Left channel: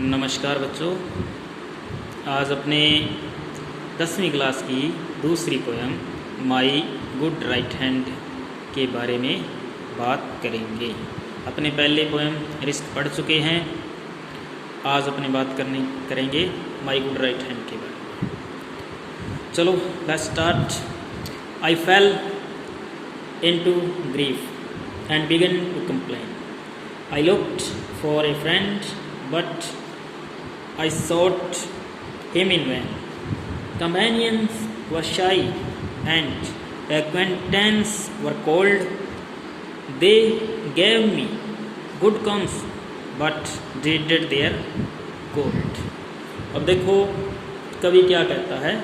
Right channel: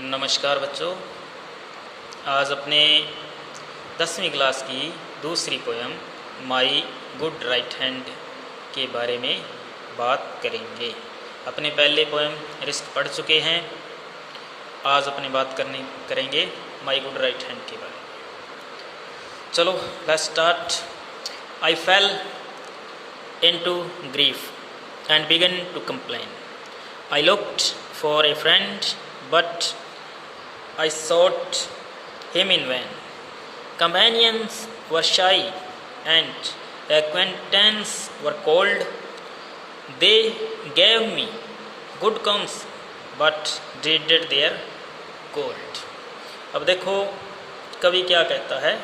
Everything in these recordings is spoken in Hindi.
नमस्कार बच्चों। आज अपने 10वीं क्लास की दूसरी poem my good right hand के बारे में बात करेंगे। अपने पहले पोएम रिस्क पढ़ चुके हैं। आज अपनी बात करेंगे माई गुड राइट हैंड के बारे में। चलो let's start. I fell into grief and began to complain. I looked for a friend, but I sought him in vain. Companions were shy, and acquaintance were cold. They gave me good comes, but dreaded their gold. अब देखो कवि क्या कहता है।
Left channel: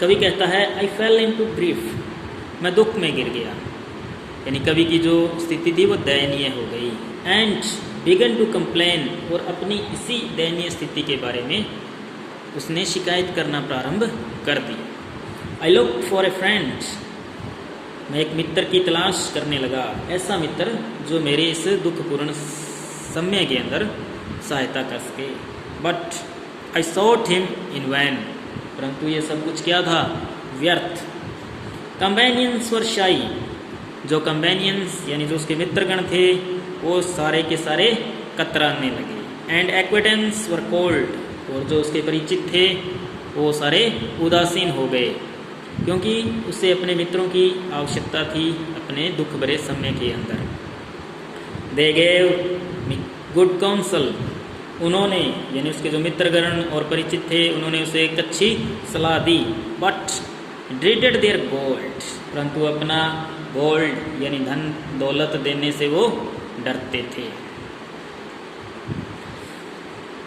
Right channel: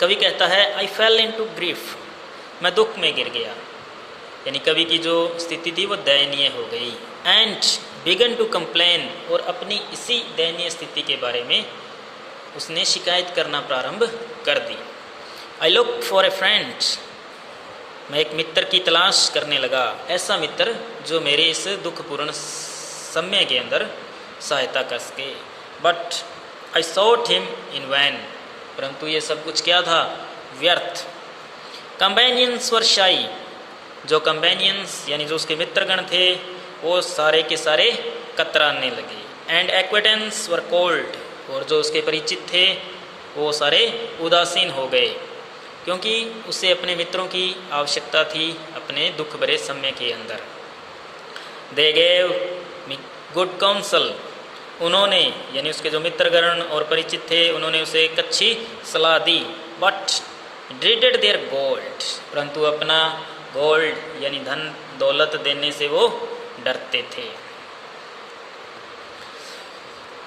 कवि कहता है I fell into grief, मैं दुख में गिर गया। यानी कवि की जो स्थिति थी वो दयनीय हो गई। एंड बिगन टू कंप्लेन, और अपनी इसी दयनीय स्थिति के बारे में उसने शिकायत करना प्रारंभ कर दी। I look for a friend, मैं एक मित्र की तलाश करने लगा, ऐसा मित्र जो मेरे इस दुखपूर्ण समय के अंदर सहायता कर सके। But I sought him in vain, परंतु ये सब कुछ क्या था? व्यर्थ। कंपेनियंस वर शाई, जो कंपेनियंस यानी जो उसके मित्रगण थे वो सारे के सारे कतराने लगे। एंड एक्वेटेंस वर कोल्ड, और जो उसके परिचित थे वो सारे उदासीन हो गए, क्योंकि उसे अपने मित्रों की आवश्यकता थी अपने दुख भरे समय के अंदर। They gave me good counsel, उन्होंने यानी उसके जो मित्रगण और परिचित थे उन्होंने उसे एक अच्छी सलाह दी। बट ड्रीडेड देयर गोल्ड, परंतु अपना गोल्ड यानी धन दौलत देने से वो डरते थे।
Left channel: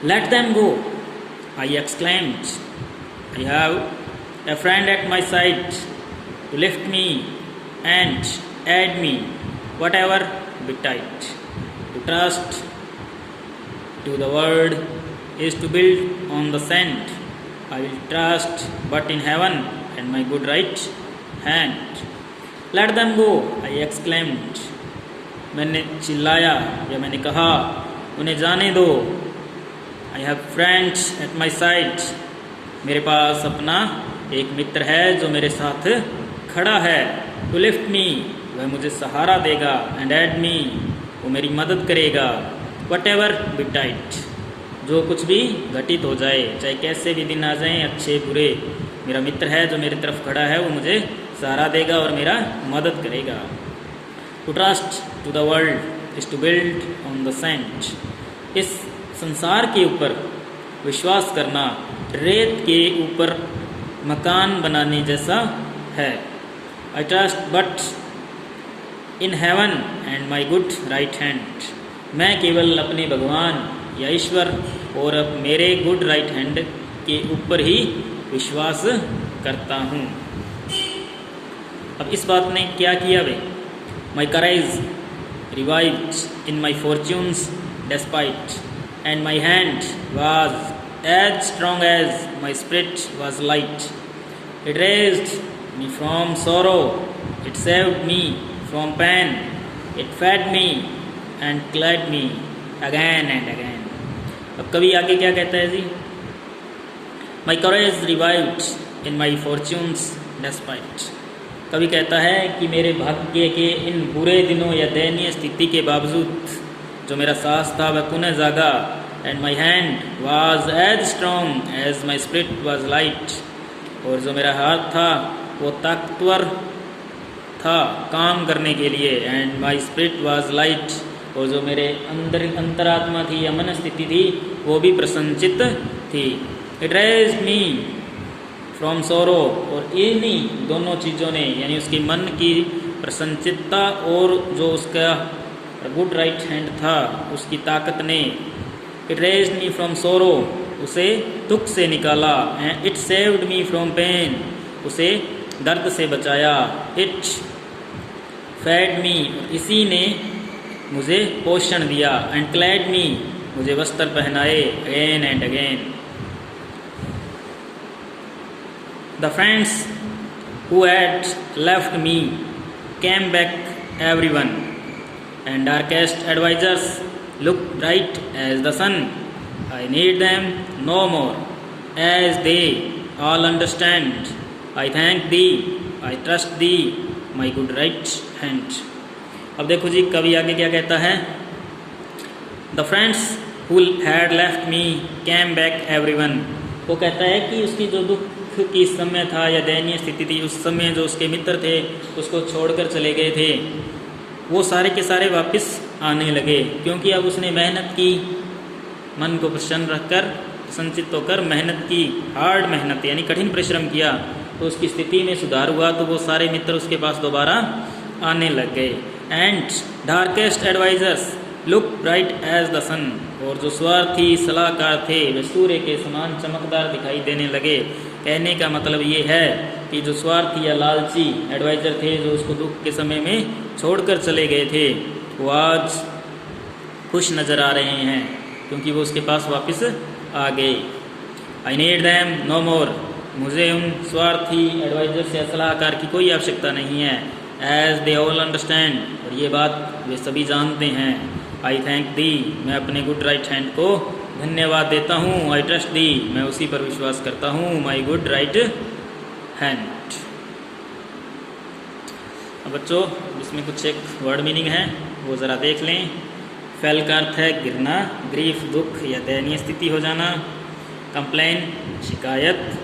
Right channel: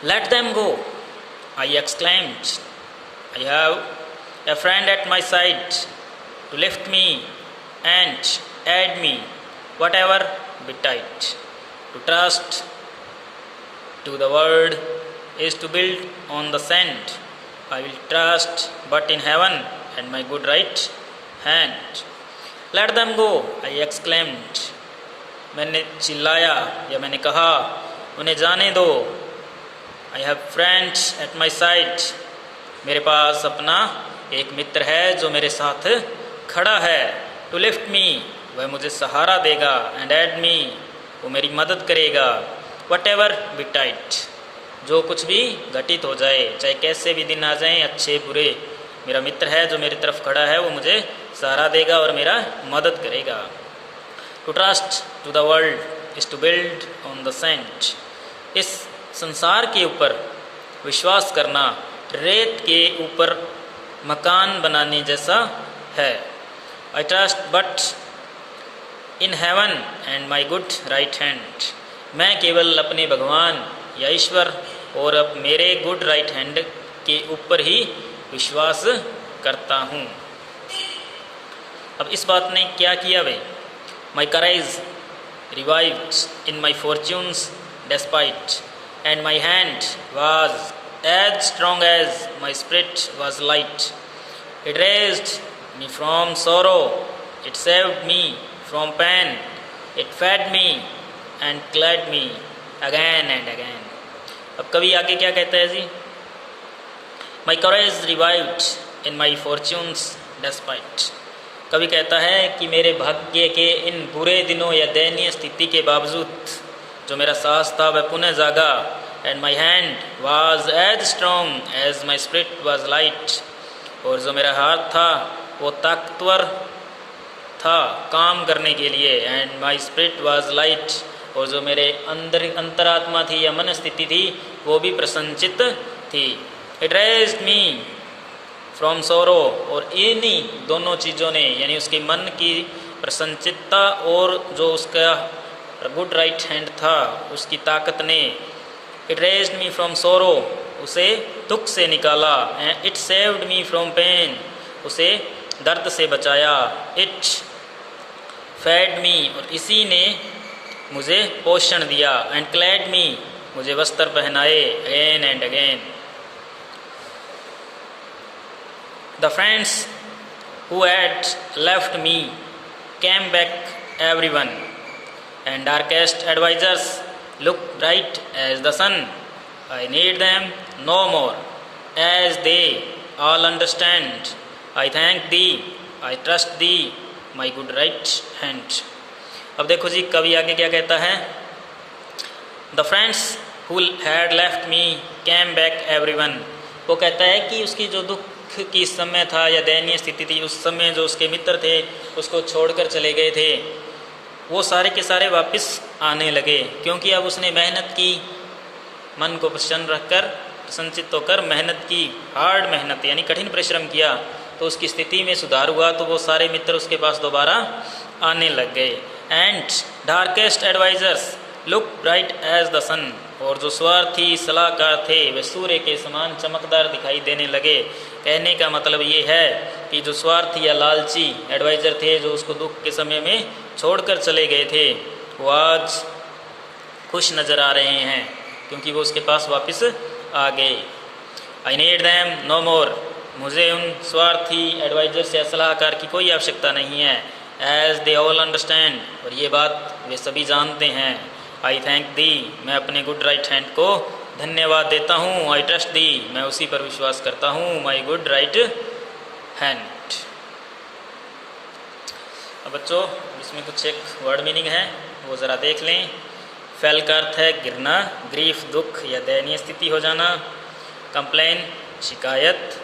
Let them go, I exclaimed, I have a friend at my side to lift me and aid me whatever betide. To trust to the word is to build on the sand. I will trust but in heaven and my good right hand. Let them go, I exclaimed. मैंने चिल्लाया या मैंने कहा उन्हें जाने दो। I have friends at my side. मेरे पास अपना एक मित्र है जो मेरे साथ खड़ा है। To lift me, वह मुझे सहारा देगा। And aid me, वो मेरी मदद करेगा। Whatever betide, जो कुछ भी घटित हो जाए, चाहे कैसे भी दिन आ जाएं, अच्छे बुरे, मेरा मित्र है जो मेरी तरफ खड़ा है, वो मुझे सहारा देगा और मेरा मदद करेगा। To trust to the world is to build on the sand, इस संसार के ऊपर विश्वास करना रेत के ऊपर मकान बनाने जैसा है। I trust but in heaven and my good right hand, मैं केवल अपने भगवान या ईश्वर और अब मेरे गुड राइट हैंड के ऊपर ही विश्वास करता हूँ। अब इस बात ने क्या किया वे? My courage revived in my fortunes despite, and my hand was as strong as my spirit was light. It raised me from sorrow, it saved me from pain, it fed me and clad me again and again. अब कवि आगे क्या कहता है जी? My courage revived in my fortunes despite. कवि कहता है कि मेरे भाग्य के इन बुरे दिनों या दयनीय स्थिति के बावजूद जो मेरा साहस था वह पुनः जागा। And my hand was as strong as my spirit was light. और जो मेरा हाथ था वो ताकतवर था काम करने के लिए। And my spirit was light, और जो मेरे अंतरात्मा थी या मन स्थिति थी वो भी प्रसन्नचित थी। इट रेज्ड मी फ्रॉम सोरो, और इन्हीं दोनों चीज़ों ने यानी उसके मन की प्रसन्नचित्ता और जो उसका गुड राइट हैंड था उसकी ताकत ने, इट रेज्ड मी फ्रॉम सोरो, उसे दुख से निकाला। It saved me from pain, उसे दर्द से बचाया। इट फेड मी, और इसी ने मुझे पोषण दिया। एंड क्लैड मी, मुझे वस्त्र पहनाए। Again and again the friends who had left me came back everyone, and darkest advisers look bright as the sun. I need them no more, as they all understand. I thank thee, I trust thee, my good right hand. अब देखो जी कवि आगे क्या कहता है। The friends who had left me came back everyone. वो कहता है कि उसकी जो दुख की समय था या दयनीय स्थिति थी, उस समय जो उसके मित्र थे उसको छोड़कर चले गए थे, वो सारे के सारे वापस आने लगे, क्योंकि अब उसने मेहनत की, मन को प्रसन्न रखकर प्रसन्नचित्त होकर मेहनत की, हार्ड मेहनत यानी कठिन परिश्रम किया, तो उसकी स्थिति में सुधार हुआ, तो वो सारे मित्र उसके पास दोबारा आने लग गए। And darkest advisers look bright as the sun, और जो स्वार्थी सलाहकार थे वे सूर्य के समान चमकदार दिखाई देने लगे। कहने का मतलब ये है कि जो स्वार्थी या लालची एडवाइज़र थे जो उसको दुख के समय में छोड़कर चले गए थे, वो आज खुश नज़र आ रहे हैं क्योंकि वो उसके पास वापस आ गए। आई नीड दैम नो मोर, मुझे उन स्वार्थी एडवाइज़र या सलाहकार की कोई आवश्यकता नहीं है। एज दे ऑल अंडरस्टैंड, और ये बात वे सभी जानते हैं। आई थैंक दी, मैं अपने गुड राइट हैंड को धन्यवाद देता हूँ। आई ट्रस्ट दी, मैं उसी पर विश्वास करता हूँ। My good right hand. अब बच्चों इसमें कुछ एक वर्ड मीनिंग है वो ज़रा देख लें। फेल का अर्थ है गिरना, ग्रीफ दुख या दयनीय स्थिति हो जाना, कंप्लेन शिकायत,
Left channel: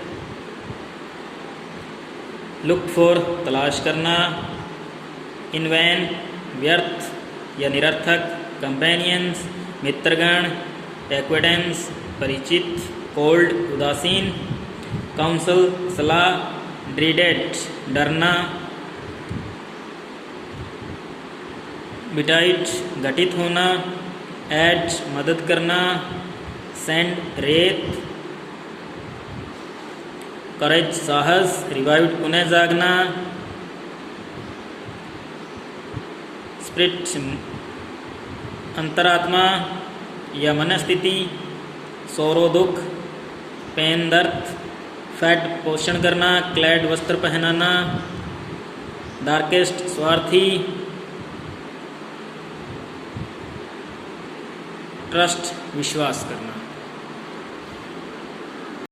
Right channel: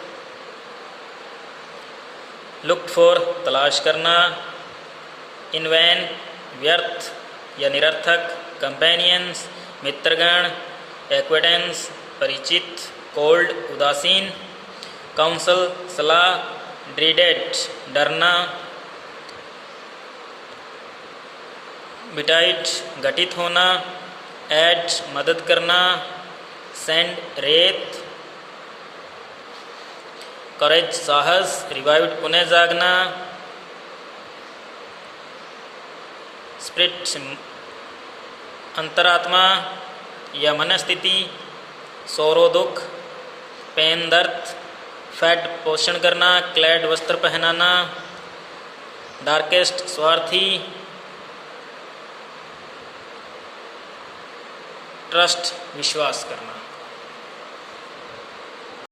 लुक फॉर तलाश करना, इन वैन व्यर्थ या निरर्थक, कंपेनियंस मित्रगण, एक्वेटेंस परिचित, कोल्ड उदासीन, काउंसल सलाह, ड्रीडेड डरना, बिटाइट घटित होना, एड मदद करना, सेंड रेत, करेज साहस, रिवाइव्ड पुनः जागना, स्पिरिट अंतरात्मा या मनस्थिति, सोरो दुख, पेन दर्द, फैट पोषण करना, क्लैड वस्त्र पहनाना, डार्केस्ट स्वार्थी, ट्रस्ट विश्वास करना।